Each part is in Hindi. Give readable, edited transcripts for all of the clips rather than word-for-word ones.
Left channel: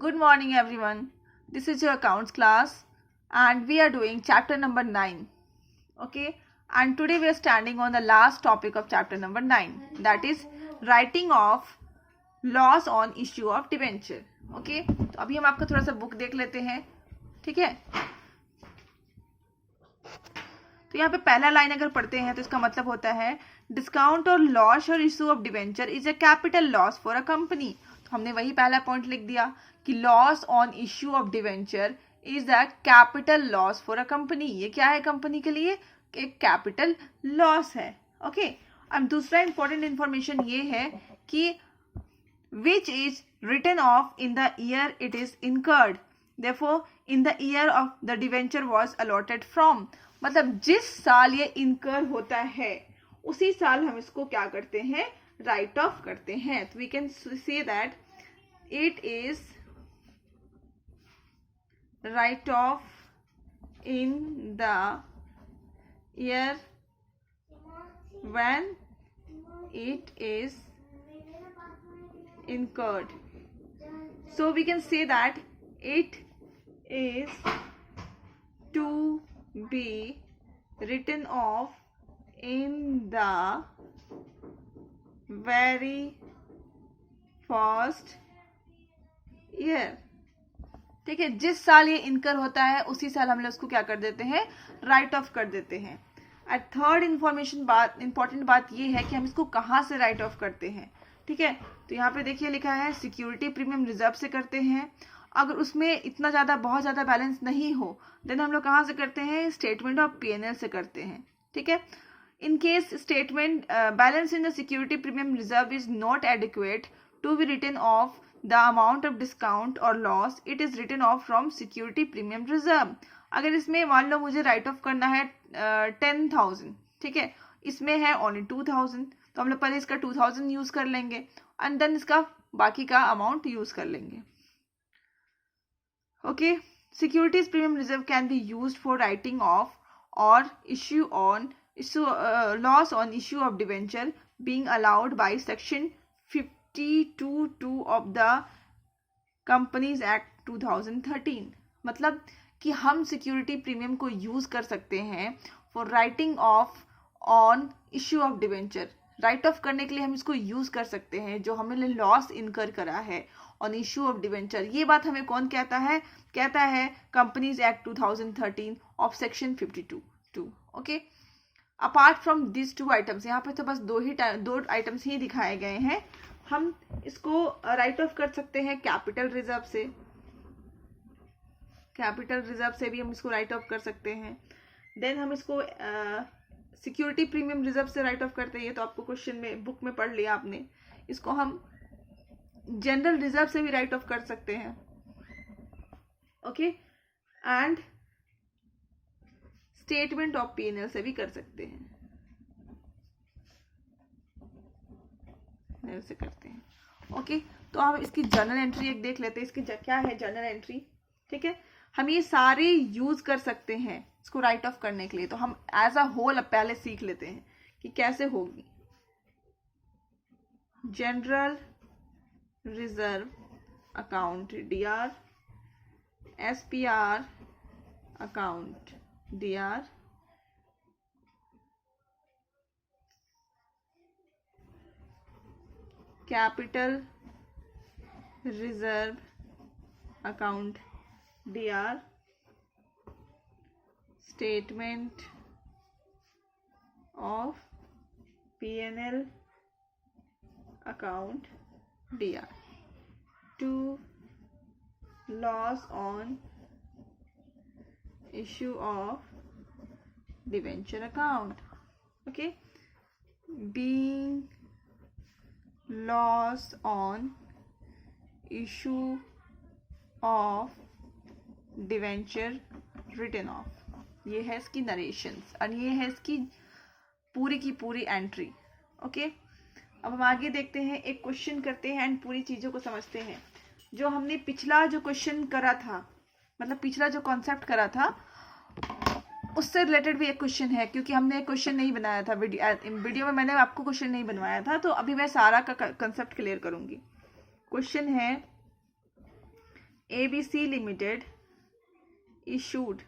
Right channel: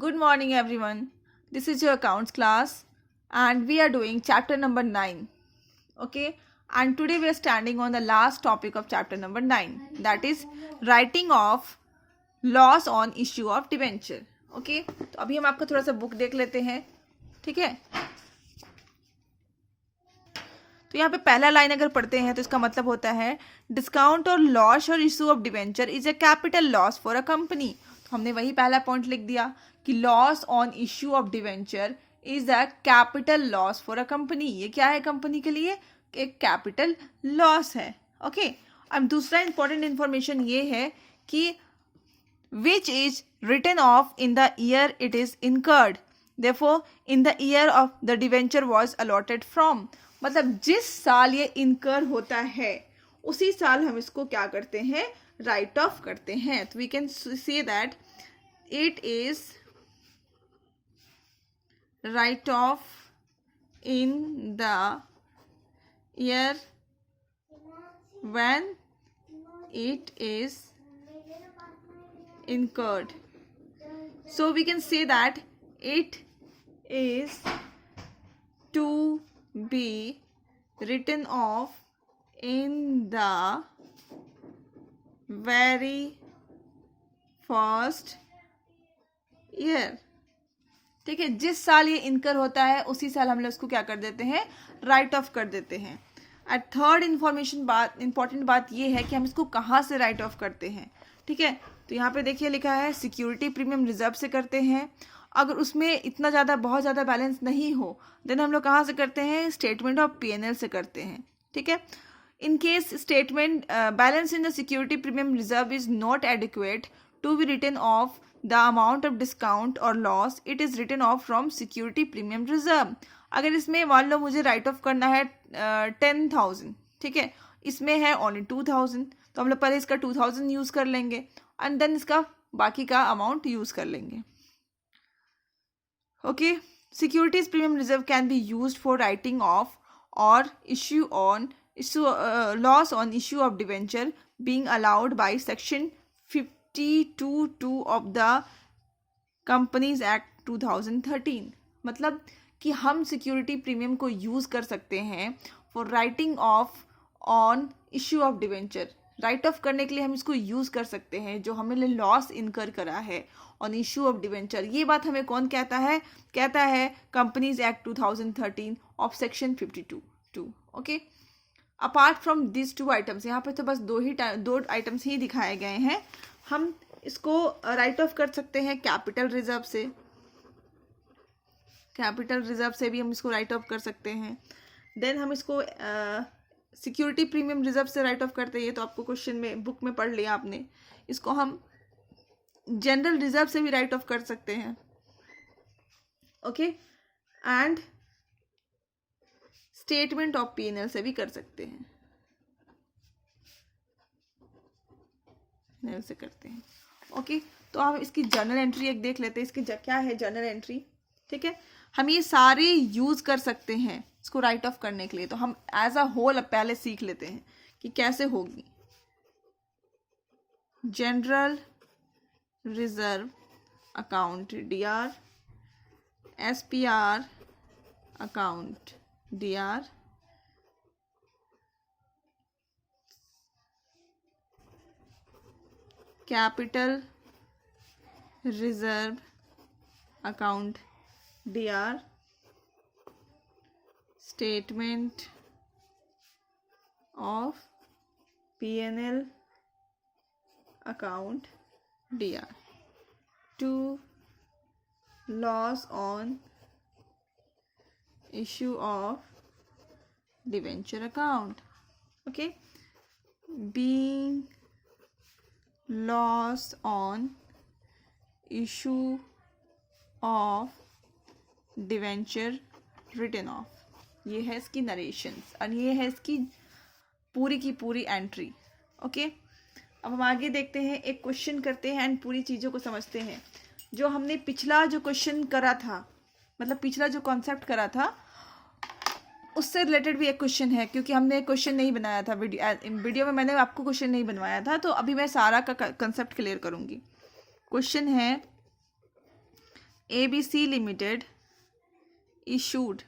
Good morning, everyone. This is your accounts class, and we are doing chapter number 9. Okay, and today we are standing on the last topic of chapter number 9, that is writing of laws on issue of debenture. Okay, तो अभी हम आपका थोड़ा सा बुक देख लेते हैं. ठीक है, तो यहाँ पे पहला लाइन अगर पढ़ते हैं तो इसका मतलब होता है डिस्काउंट और लॉस और issue of debenture is a capital loss for a company. तो हमने वही पहला पॉइंट लिख दिया कि loss on issue of debenture is a capital loss for a company. ये क्या है कंपनी के लिए? एक कैपिटल लॉस है. ओके, अब दूसरा इंपॉर्टेंट इंफॉर्मेशन ये है कि which is written off in the year it is incurred. Therefore, in the year of the debenture was allotted from. मतलब जिस साल ये इनकर होता है उसी साल हम इसको क्या करते हैं? राइट ऑफ करते हैं. तो we can say that it is write off in the year when it is incurred. So we can say that it is to be written off in the very first year. ठीक है, जिस साल ये इनकर होता है उसी साल हम लोग उसको क्या कर देते हैं? राइट ऑफ कर देते हैं. और थर्ड इंपॉर्टेंट बात ये है कि हम इसको कहाँ से राइट ऑफ करते हैं. ठीक है, तो यहाँ पे देखिए लिखा है सिक्योरिटी प्रीमियम रिजर्व से करते हैं. अगर उसमें इतना ज़्यादा बहुत ज़्यादा बैलेंस नहीं हो देन हम लोग कहाँ से करते हैं? स्टेटमेंट ऑफ पीएनएल से करते हैं. ठीक है, in case statement balance in the security premium reserve is not adequate to be written off the amount of discount और loss, it is written off from security premium reserve. अगर इसमें मान लो मुझे राइट ऑफ करना है 10,000, ठीक है, इसमें है ओनली 2,000, तो हम लोग पहले इसका 2,000 यूज़ कर लेंगे एंड देन इसका बाकी का अमाउंट यूज़ कर लेंगे. Okay, securities premium reserve can be used for writing off और loss on issue of debenture being allowed by section 52(2) of the companies act 2013. मतलब कि हम सिक्योरिटी प्रीमियम को यूज़ कर सकते हैं for writing of on issue of debenture. Right of करने के लिए हम इसको यूज़ कर सकते हैं जो हमने लॉस इनकर करा है ऑन इश्यू ऑफ डिवेंचर. ये बात हमें कौन कहता है? कहता है companies act 2013 of section 52(2). Okay, apart from this two items, यहाँ पे तो बस दो आइटम्स ही दिखाए गए हैं. हम इसको राइट ऑफ कर सकते हैं कैपिटल रिजर्व से. कैपिटल रिजर्व से भी हम इसको राइट ऑफ कर सकते हैं. देन हम इसको सिक्योरिटी प्रीमियम रिजर्व से राइट ऑफ करते हैं, तो आपको क्वेश्चन में बुक में पढ़ लिया आपने. इसको हम जनरल रिजर्व से भी राइट ऑफ कर सकते हैं. Okay, and statement of PNL से भी कर सकते हैं. से करते हैं. ओके, तो हम इसकी जर्नल एंट्री एक देख लेते हैं. इसकी क्या है जर्नल एंट्री? ठीक है, हम ये सारे यूज कर सकते हैं इसको राइट ऑफ करने के लिए. तो हम एज अ होल पहले सीख लेते हैं कि कैसे होगी. General reserve account DR, SPR account DR, capital reserve account DR, statement of PNL account DR, to loss on issue of debenture account. Okay, being loss on issue of debenture written off. ये है इसकी नरेशंस और ये है इसकी पूरी की पूरी एंट्री. ओके, अब हम आगे देखते हैं, एक क्वेश्चन करते हैं एंड पूरी चीज़ों को समझते हैं. जो हमने पिछला जो क्वेश्चन करा था, मतलब पिछला जो कॉन्सेप्ट करा था, उससे रिलेटेड भी एक क्वेश्चन है, क्योंकि हमने क्वेश्चन नहीं बनाया था वीडियो में मैंने आपको क्वेश्चन नहीं बनवाया था. तो अभी मैं सारा का कंसेप्ट क्लियर करूंगी. क्वेश्चन है ABC Limited issued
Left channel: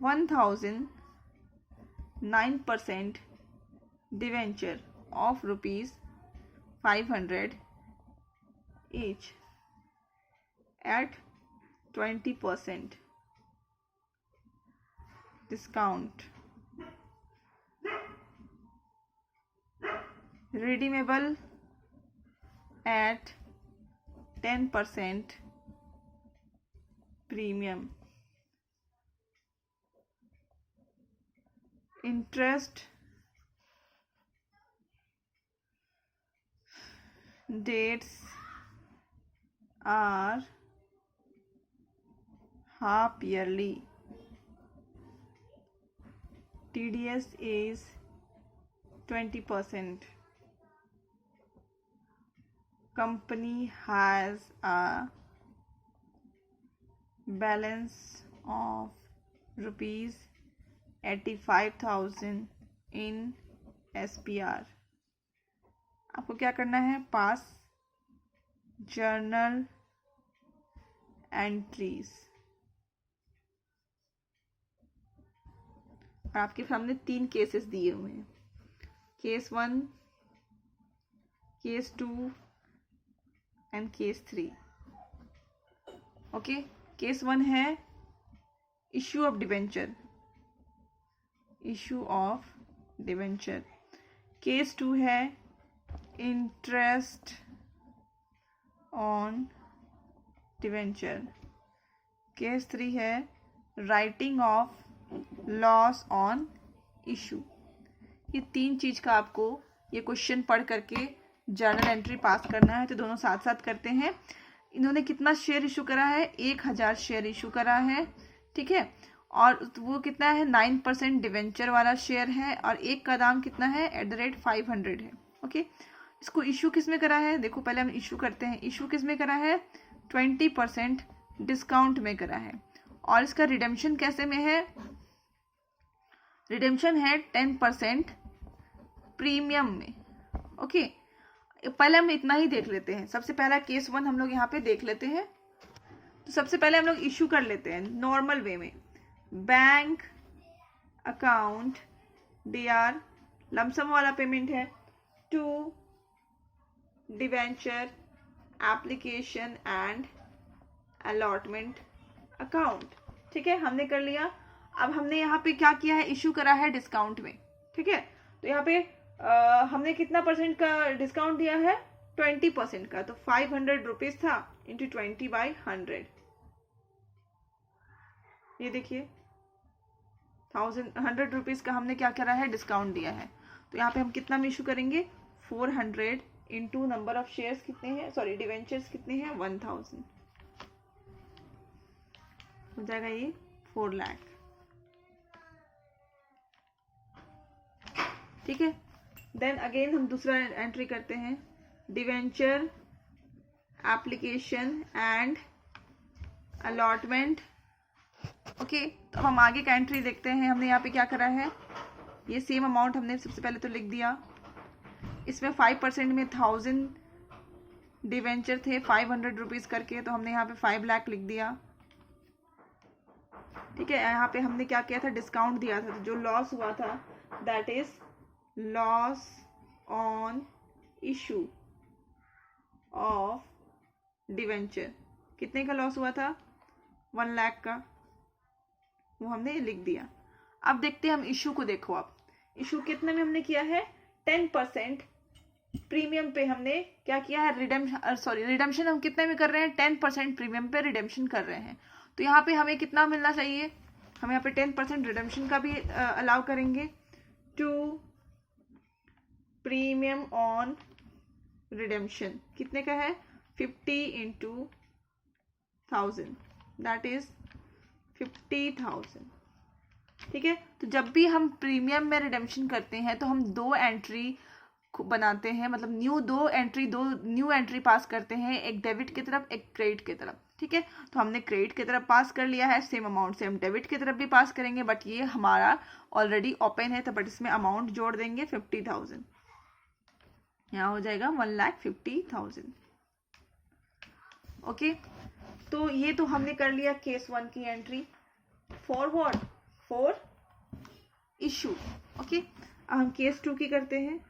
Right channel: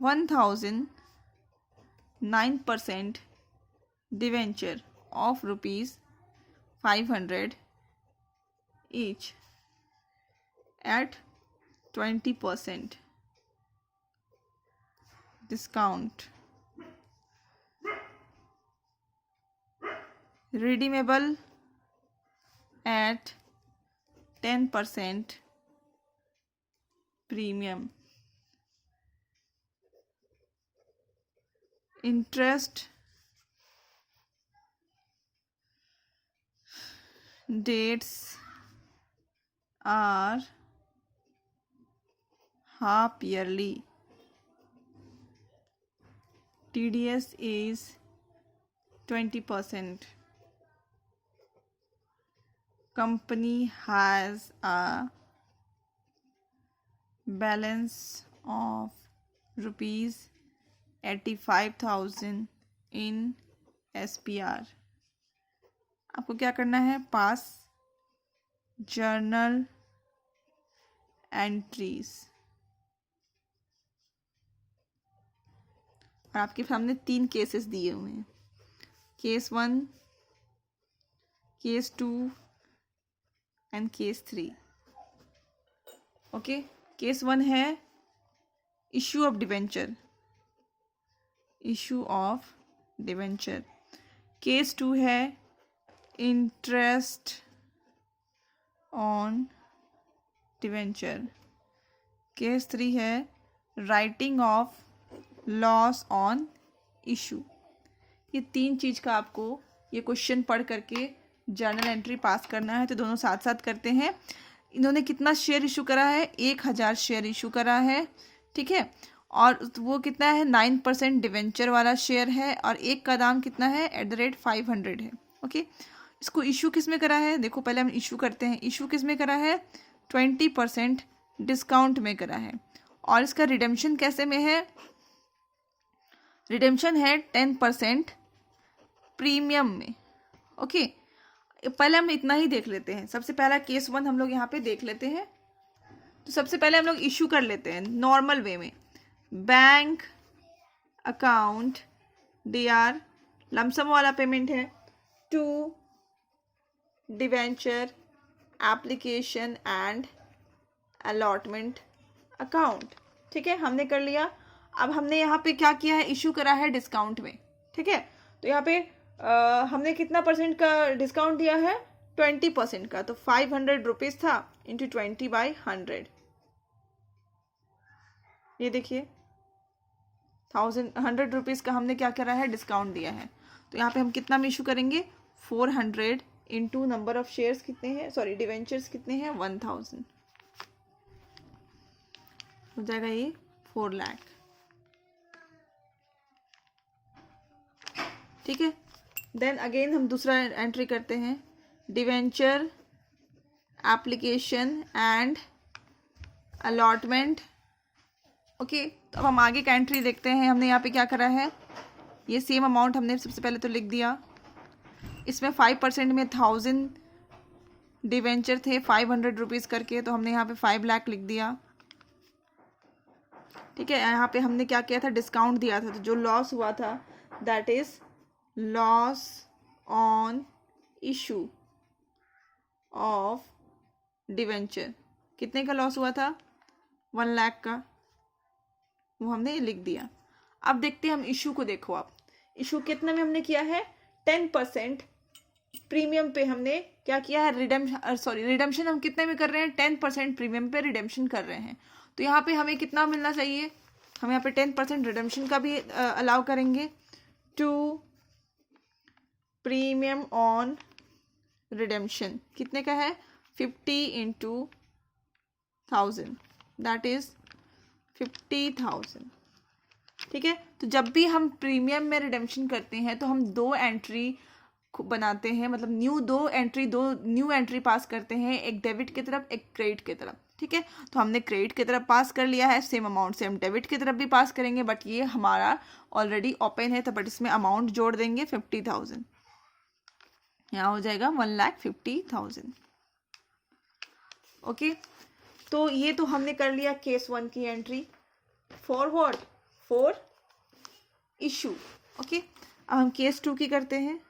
1009% debenture of rupees 500 each at 20% discount, redeemable at 10% premium. Interest dates are half yearly. TDS is 20%. Company has a balance of rupees 85,000 in SPR. आपको क्या करना है? पास जर्नल एंट्रीज। और आपके सामने 3 केसेस दिए हुए हैं, case 1, case 2 and case 3। Okay, case 1 है issue of debenture, issue of debenture. Case 2 है इंटरेस्ट ऑन डिवेंचर। केस 3 है writing off loss on issue. ये 3 चीज़ का आपको ये क्वेश्चन पढ़ करके जर्नल एंट्री पास करना है। तो दोनों साथ साथ करते हैं। इन्होंने कितना शेयर इशू करा है? 1000 शेयर इशू करा है, ठीक है। और वो कितना है? 9% डिवेंचर वाला शेयर है और एक का दाम कितना है? @500 है। ओके, इसको इशू किस में करा है? देखो पहले हम इशू करते हैं। इशू किस में करा है? 20% डिस्काउंट में करा है। और इसका रिडेम्पशन कैसे में है? रिडेम्पशन है 10% प्रीमियम में। ओके, पहले हम इतना ही देख लेते हैं। सबसे पहला केस 1 हम लोग यहाँ पे देख लेते हैं। तो सबसे पहले हम लोग इशू कर लेते हैं नॉर्मल वे में। बैंक अकाउंट DR लमसम वाला पेमेंट है to debenture application and allotment account, ठीक है, हमने कर लिया। अब हमने यहाँ पे क्या किया है? इशू करा है डिस्काउंट में, ठीक है। तो यहाँ पे हमने कितना परसेंट का डिस्काउंट दिया है? 20% का। तो 500 रुपीज़ था इंटू 20/100। ये देखिए 100 रुपीज़ का हमने क्या करा है? डिस्काउंट दिया है। तो यहाँ पे हम कितना में इशू करेंगे? 400 इंटू नंबर ऑफ शेयर्स कितने हैं? सॉरी, डिवेंचर्स कितने हैं? 1000 हो जाएगा। ये 4 लाख, ठीक है। देन अगेन हम दूसरा एंट्री करते हैं, debenture application and allotment. Okay, तो अब हम आगे का एंट्री देखते हैं। हमने यहाँ पे क्या करा है? ये सेम अमाउंट हमने सबसे पहले तो लिख दिया। इसमें 5% में 1000 डिवेंचर थे 500 रुपीज़ करके, तो हमने यहाँ पे 5 लाख लिख दिया, ठीक है। यहाँ पे हमने क्या किया था? डिस्काउंट दिया था। तो जो लॉस हुआ था that is loss on issue of debenture. कितने का लॉस हुआ था? 1 लाख का, वो हमने लिख दिया। अब देखते हैं हम इशू को। देखो आप इशू कितने में हमने किया है? 10% प्रीमियम पे हमने क्या किया है? रिडेम्पशन हम कितने में कर रहे हैं? 10% प्रीमियम पे रिडेम्पशन कर रहे हैं। तो यहाँ पे हमें कितना मिलना चाहिए? हम यहाँ पे 10% रिडेम्पशन का भी अलाउ करेंगे टू प्रीमियम ऑन रिडेम्पशन। कितने का है? 50 इंटू 1000 दैट इज 50,000, ठीक है। तो जब भी हम प्रीमियम में रिडेम्पशन करते हैं तो हम 2 एंट्री बनाते हैं, मतलब दो न्यू एंट्री पास करते हैं, एक डेबिट की तरफ एक क्रेडिट की तरफ, ठीक है। तो हमने क्रेडिट की तरफ पास कर लिया है, सेम अमाउंट से हम डेबिट की तरफ भी पास करेंगे, बट ये हमारा ऑलरेडी ओपन है, तो बट इसमें अमाउंट जोड़ देंगे 50,000। यहाँ हो जाएगा 1,50,000। ओके, तो ये तो हमने कर लिया केस 1 की entry for what, for issue. Okay, अब हम केस 2 की करते हैं।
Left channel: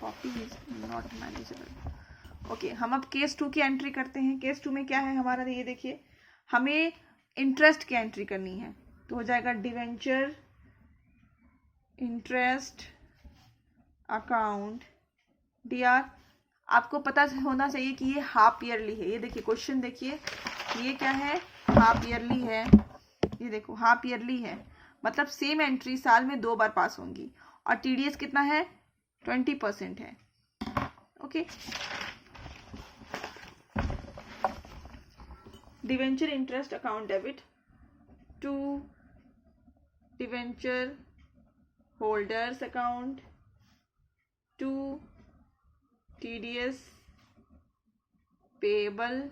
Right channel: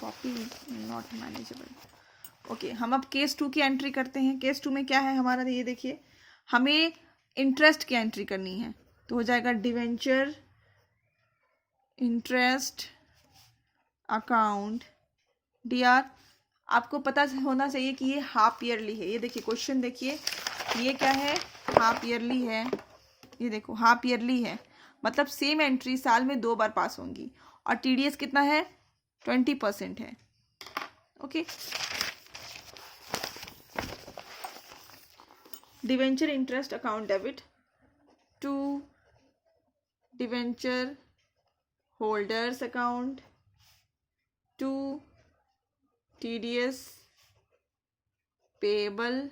Copy not manageable. ओके, हम अब केस 2 की एंट्री करते हैं। केस 2 में क्या है हमारा, ये देखिए, हमें इंटरेस्ट की एंट्री करनी है, तो हो जाएगा डिवेंचर इंटरेस्ट अकाउंट डीआर। आपको पता होना चाहिए कि ये हाफ ईयरली है। ये देखिए क्वेश्चन देखिए, ये क्या है, हाफ ईयरली है। ये देखो हाफ ईयरली है, मतलब सेम एंट्री साल में 2 बार पास होंगी, और टीडीएस कितना है, 20% है। Okay, debenture interest account debit to debenture holders account to TDS payable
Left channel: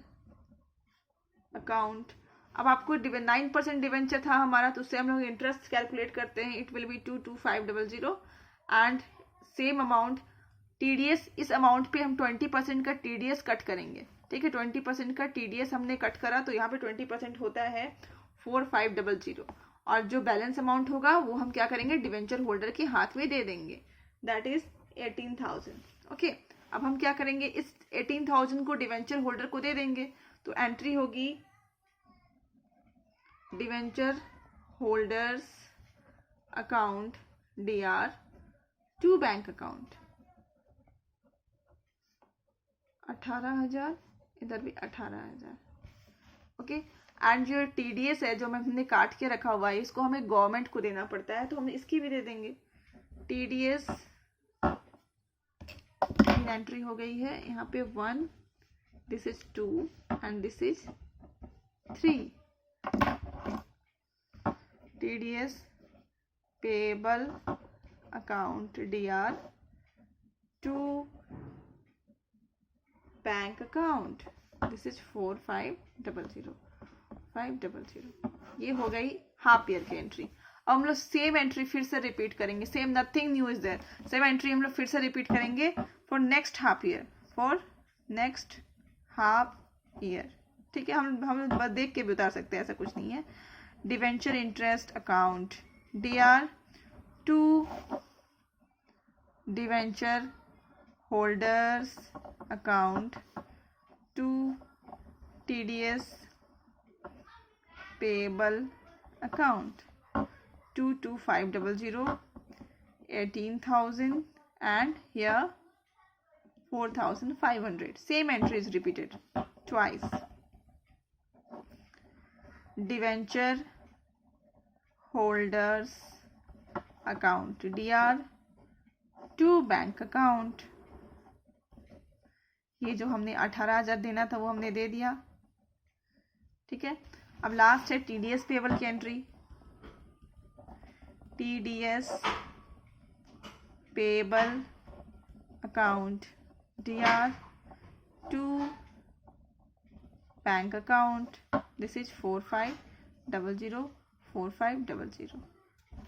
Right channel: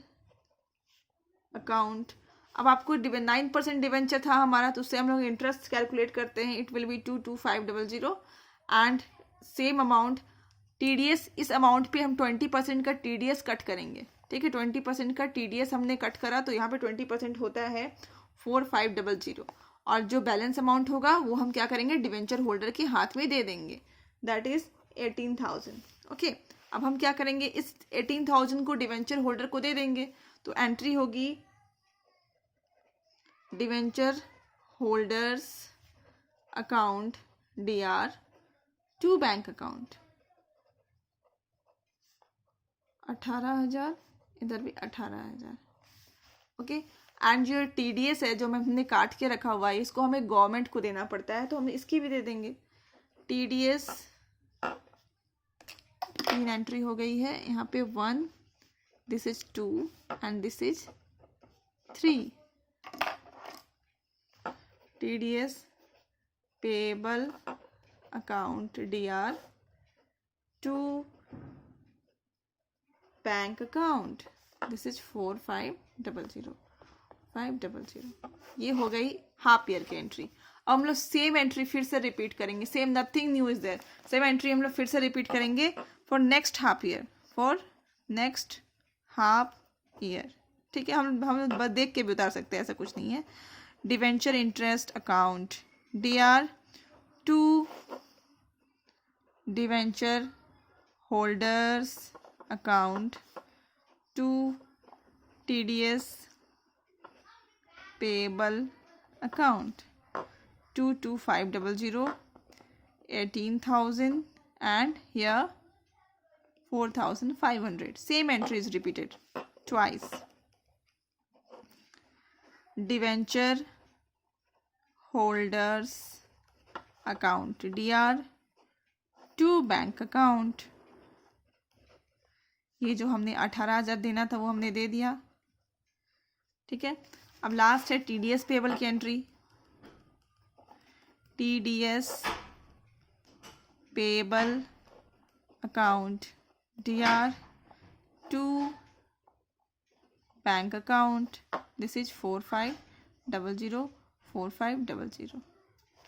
account. अब आपको 9% डिवेंचर था हमारा, तो उससे हम लोग इंटरेस्ट कैलकुलेट करते हैं। It will be 22500 and same amount TDS. इस अमाउंट पे हम 20% का टीडीएस कट करेंगे। ठीक है, 20% का टीडीएस हमने कट करा, तो यहाँ पे 20% होता है 4500, और जो बैलेंस अमाउंट होगा वो हम क्या करेंगे, डिवेंचर होल्डर के हाथ में दे देंगे, दैट इज 18,000। ओके, अब हम क्या करेंगे, इस 18,000 को डिवेंचर होल्डर को दे देंगे, तो एंट्री होगी debenture holders account DR to bank account 18,000, इधर भी 18,000। ओके, एंड जो टीडीएस है जो हमने काट के रखा हुआ है, इसको हमें गवर्नमेंट को देना पड़ता है, तो हम इसकी भी दे देंगे। टीडीएस तीन एंट्री हो गई है, यहाँ पे 1, this is 2 and this is 3। TDS payable account DR to bank account, this is 4500। ये हो गई हाफ ईयर की एंट्री। अब हम लोग सेम एंट्री फिर से रिपीट करेंगे, same, nothing new is there. Same entry हम लोग फिर से रिपीट करेंगे for next half year, for next half year. ठीक है, हम बस देख के भी उतार सकते हैं, ऐसा कुछ नहीं है। Debenture interest account DR to debenture holders account to TDS payable account 22500, 18,000 and here 4,500. Same entry is repeated twice. Debenture holders account DR to bank account. ये जो हमने 18,000 देना था वो हमने दे दिया। ठीक है, अब लास्ट है टीडीएस पेएबल की entry. TDS payable account DR to bank account, this is 4500।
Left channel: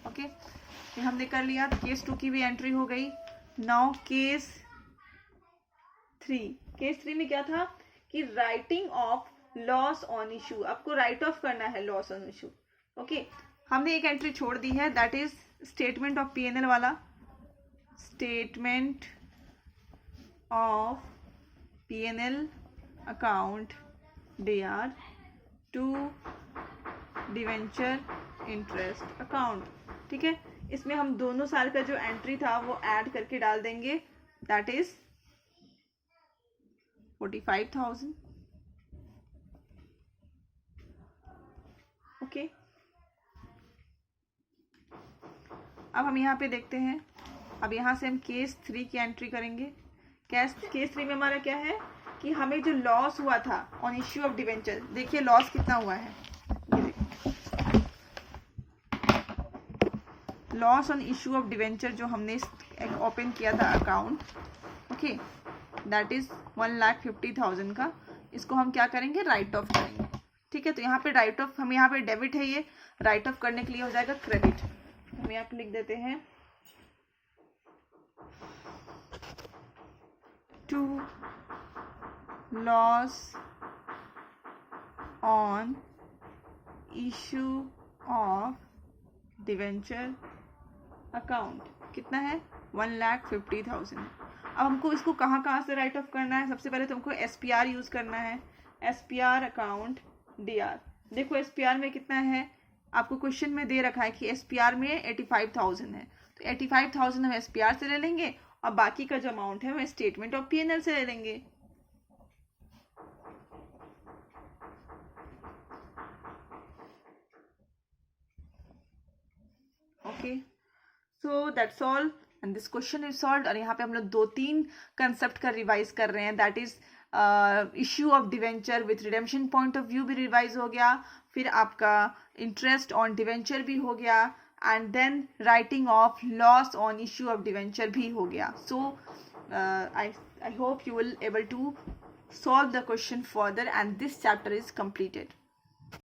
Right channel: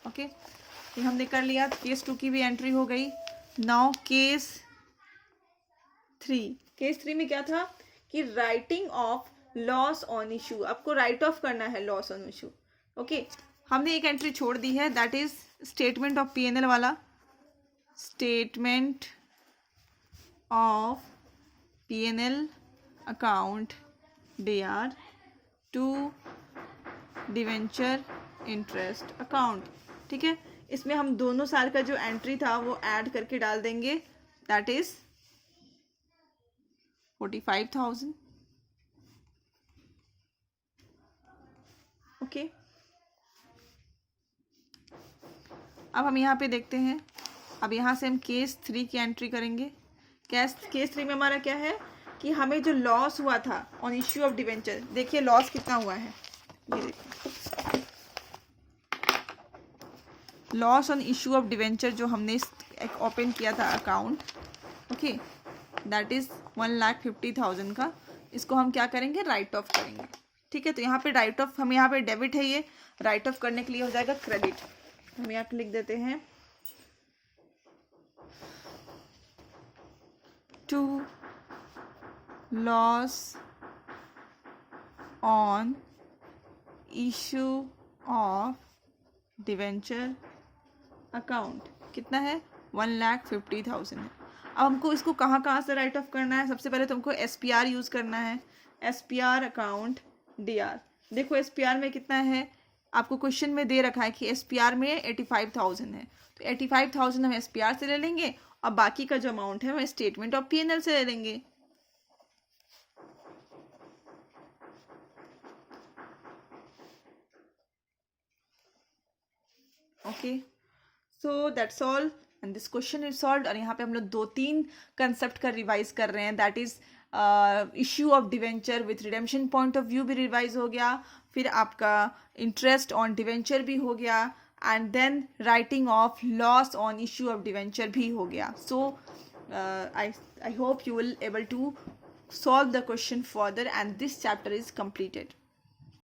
Okay, ये हमने कर लिया। केस 2 की भी एंट्री हो गई। Now case 3। केस 3 में क्या था कि writing off loss on issue, आपको राइट ऑफ करना है लॉस ऑन इशू। ओके, हमने एक एंट्री छोड़ दी है, that is statement of PNL वाला। Statement of PNL account DR to debenture interest account. ठीक है, इसमें हम दोनों साल का जो एंट्री था वो ऐड करके डाल देंगे, दैट इज 45,000। ओके, अब हम यहाँ पे देखते हैं। अब यहाँ से हम केस 3 की एंट्री करेंगे। केस 3 में हमारा क्या है कि हमें जो लॉस हुआ था ऑन इश्यू ऑफ डिवेंचर, देखिए लॉस कितना हुआ है, ये देखिए loss on issue of debenture जो हमने ओपन किया था अकाउंट, ओके, दैट इज 1,50,000 का। इसको हम क्या करेंगे, राइट ऑफ करेंगे। ठीक है, तो यहाँ पे राइट ऑफ, हम यहाँ पे डेबिट है, ये राइट ऑफ करने के लिए हो जाएगा क्रेडिट। हम यहाँ पे लिख देते हैं to loss on issue of debenture account कितना है 1,50,000 है। अब हमको इसको कहाँ से राइट ऑफ करना है? सबसे पहले तुमको SPR यूज़ करना है। SPR अकाउंट DR, देखो SPR में कितना है, आपको क्वेश्चन में दे रखा है कि SPR में 85,000 है, तो 85,000 हम SPR से ले लेंगे और बाकी का जो अमाउंट है हम स्टेटमेंट ऑफ P&L से ले लेंगे। Okay, so that's all and this question is solved. और यहाँ पे हम लोग 2-3 कंसेप्ट का रिवाइज कर रहे हैं, that is issue of debenture with redemption point of view भी रिवाइज हो गया, फिर आपका इंटरेस्ट ऑन डिवेंचर भी हो गया, and then writing off loss on issue of debenture भी हो गया। So I hope you will able to solve the question further and this chapter is completed.